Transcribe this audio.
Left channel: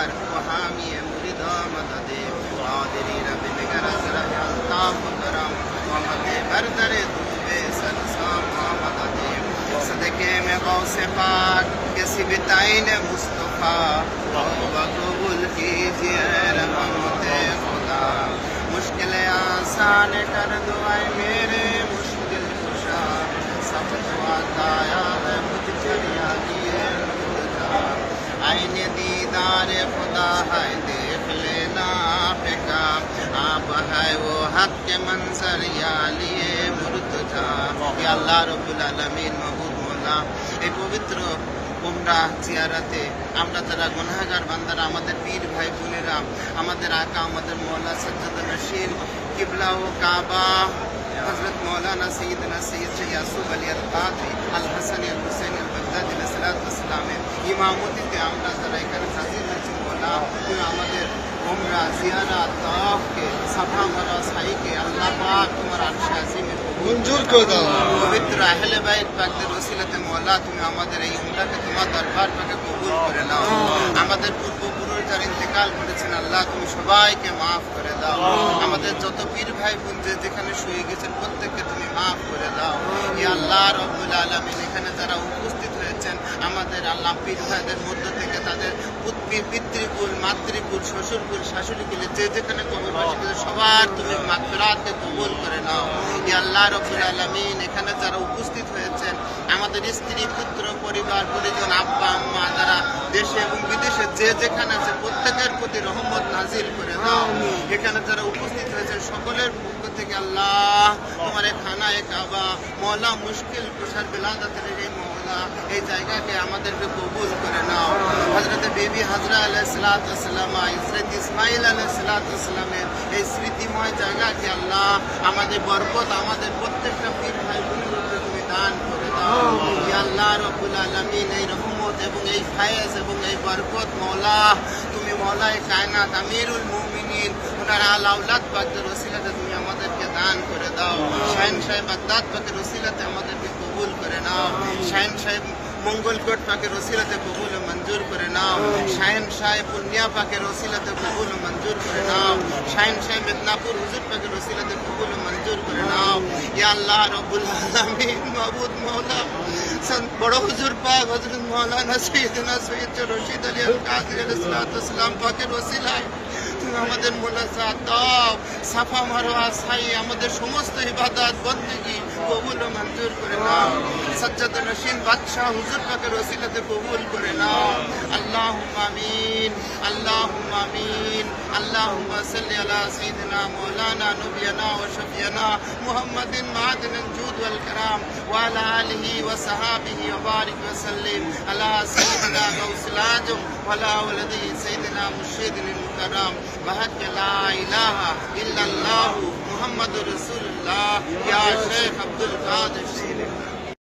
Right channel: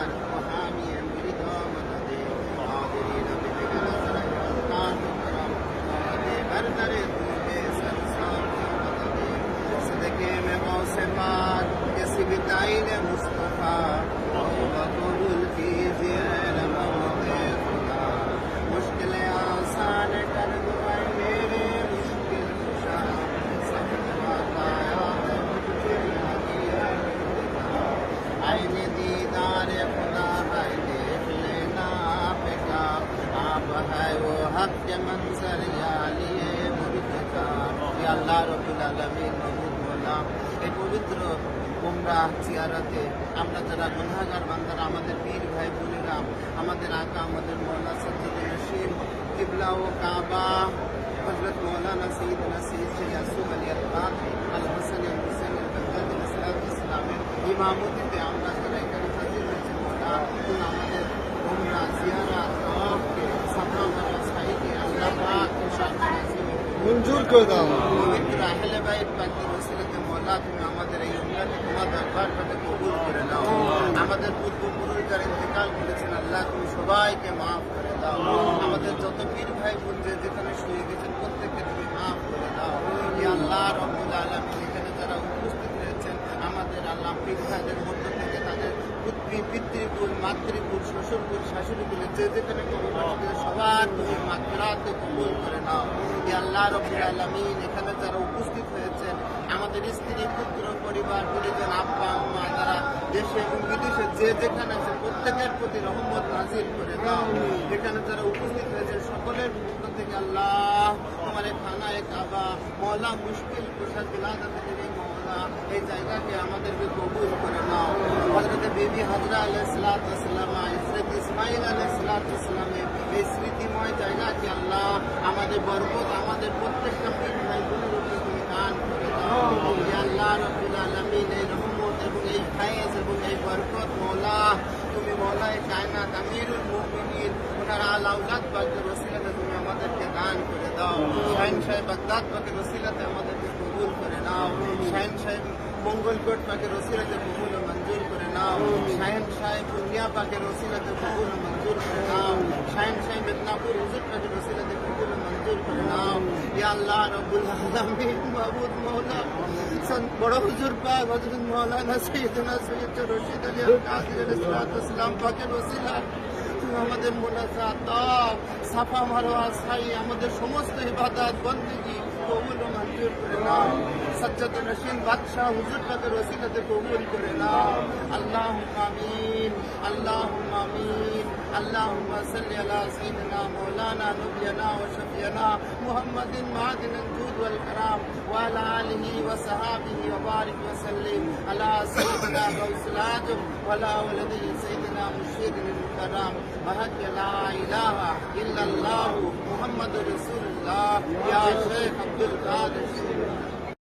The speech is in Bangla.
व रहबर व हामी मुरीदा मददे आदरी रब निगर जरा ताम करम मोहम्मद बरदरे दूबे सनसाम मददे सदके में गौसे पाक किसी बिताइन मुस्तफ़ा तौबा कबूल कीजिए रहमत खुदा है देख लेना आपका आप है वो हक के मंजर या लिए मुर्तजा या अल्लाह রব্বুল আলামিন মাহবুব মোল্লা এই পবিত্র উমরা জিয়ারাতে আমরা যারা গুনাহগার বান্দারা আমাদের পীর ভাই বোনেরা আমাদের আকা আমাদের মৌলা সজ্জদ নশীন কিবলা ও কাবা হজরত মৌলানা সঈদনা সৈয়দ ইয়াসুব আলী আল কাদি আল হাসানি আল হুসেন আল বাগদাদি সালামের ইমামতিতে আমরা যারা এখানে হাজির হয়েছি মৌলা তুমি আমাদের উমরা জিয়ারা তাওয়াফকে সাফা মারা সাইকে আল্লাহ পাক তোমার আরশে আজিমে মঞ্জুর করে দাও। পবিত্র আহলে বাইত পাকদের ওসিলাতে মওলা তুমি আমাদের এই উমরাকে তোমার দরবার কবুল করে নাও। আমাদের পূর্বপুরুষ যারা ইন্তেকাল করেছেন আল্লাহ তুমি সবাইকে মাফ করে দাও। আমাদের যত পীর ভাই বোন যে যেখানে শুয়ে গেছেন প্রত্যেককে তুমি মাফ করে দাও। ই আল্লাহ রব্বুল আলামিন এখানে যারা উপস্থিত আমাদের আল্লাহ পীর ভাইদের মধ্য থেকে তাদের পুত্রী পিতৃকুল মাতৃকুল শ্বশুরকুল শাশুড়িকুলে যে যেখানে কবরবাসী করেছে সবার তুমি মাগফিরাতকে কবুল করে নাও। ই আল্লাহ রব্বুল আলামিন এখানে যারা উপস্থিত হয়েছেন আমাদের স্ত্রী পুত্র পরিবার পরিজন আব্বা আম্মা যারা দেশে এবং বিদেশে যে যেখানে আছে প্রত্যেকের প্রতি রহমত নাজিল করে দাও এখানে যারা উপস্থিত হয়েছে সকলের পক্ষ থেকে আল্লাহ তোমার এই খানায় কাবা মৌলা মুশকিল কুশার বিলাদাতের এই এই জায়গাকে আমাদেরকে কবুল করে নাও। হজরত বেবি হাজরা আলাহ সালাতাম ইসরত ইসমাইল আলাহ সালাতামের এই স্মৃতিময় জায়গাকে আল্লাহ আমাদের বরকত, আমাদের প্রত্যেকটা পীর ভাই বোনদেরকে তুমি দান করে দাও। আল্লাহ রব্বুল আলামিন, এই রহমত এবং এই ফায়েজ এবং এই বরকত মৌলা তুমি মৌলায় কায়নাত আমিরুল মুমিনিন, ওনার আল আউলাদ বাগদার ওসিলাতে তুমি আমাদেরকে দান করে দাও। শাহিন সাহেব বাগদাদ পাকের ওসিলাতে আমাদেরকে কবুল করে নাও। শাহিন সাহেব মঙ্গলকোট পাকের ওসিলাতে কবুল মঞ্জুর করে নাও। শাহিন সাহেব পুনিয়া পাকের ওসিলাতে কবুল মঞ্জুর করে নাও। শাহিন সাহেব মেদিনীপুর হুজুর পাকের ওসিলাতে কবুল মঞ্জুর করে নাও। ইয়া আল্লাহ রব্বুল আলামিন বড় হুজুর পাক সৈয়দ রশিদ আলী আল আমাদের সাফা মারোয়া সাই আমাদের সমস্ত ইবাদত, বন্দেগী। কবুল ও মঞ্জুর করে নাও। সজ্জাদ নসীন বাদশাহ হুজুর পাকের ওসিলাতে কবুল করে নাও। আল্লাহ আমিন আল্লাহ আমিন আল্লাহ সাল্লি আলা সাইয়িদিনা মাওলানা নবিয়ানা ওয়া শফিয়ানা মুহাম্মাদিন মাদিন জুদ ওয়াল কারাম ওয়া আলা আলিহি ওয়া সাহাবিহি ওয়া বারিক ওয়া সাল্লিম। আলা সাইয়িদিনা গাউসুল আজম ولا ولده سيدنا مرشد المكرم. بحق لا إله إلا الله محمد رسول الله. يا شيخ عبد القادر.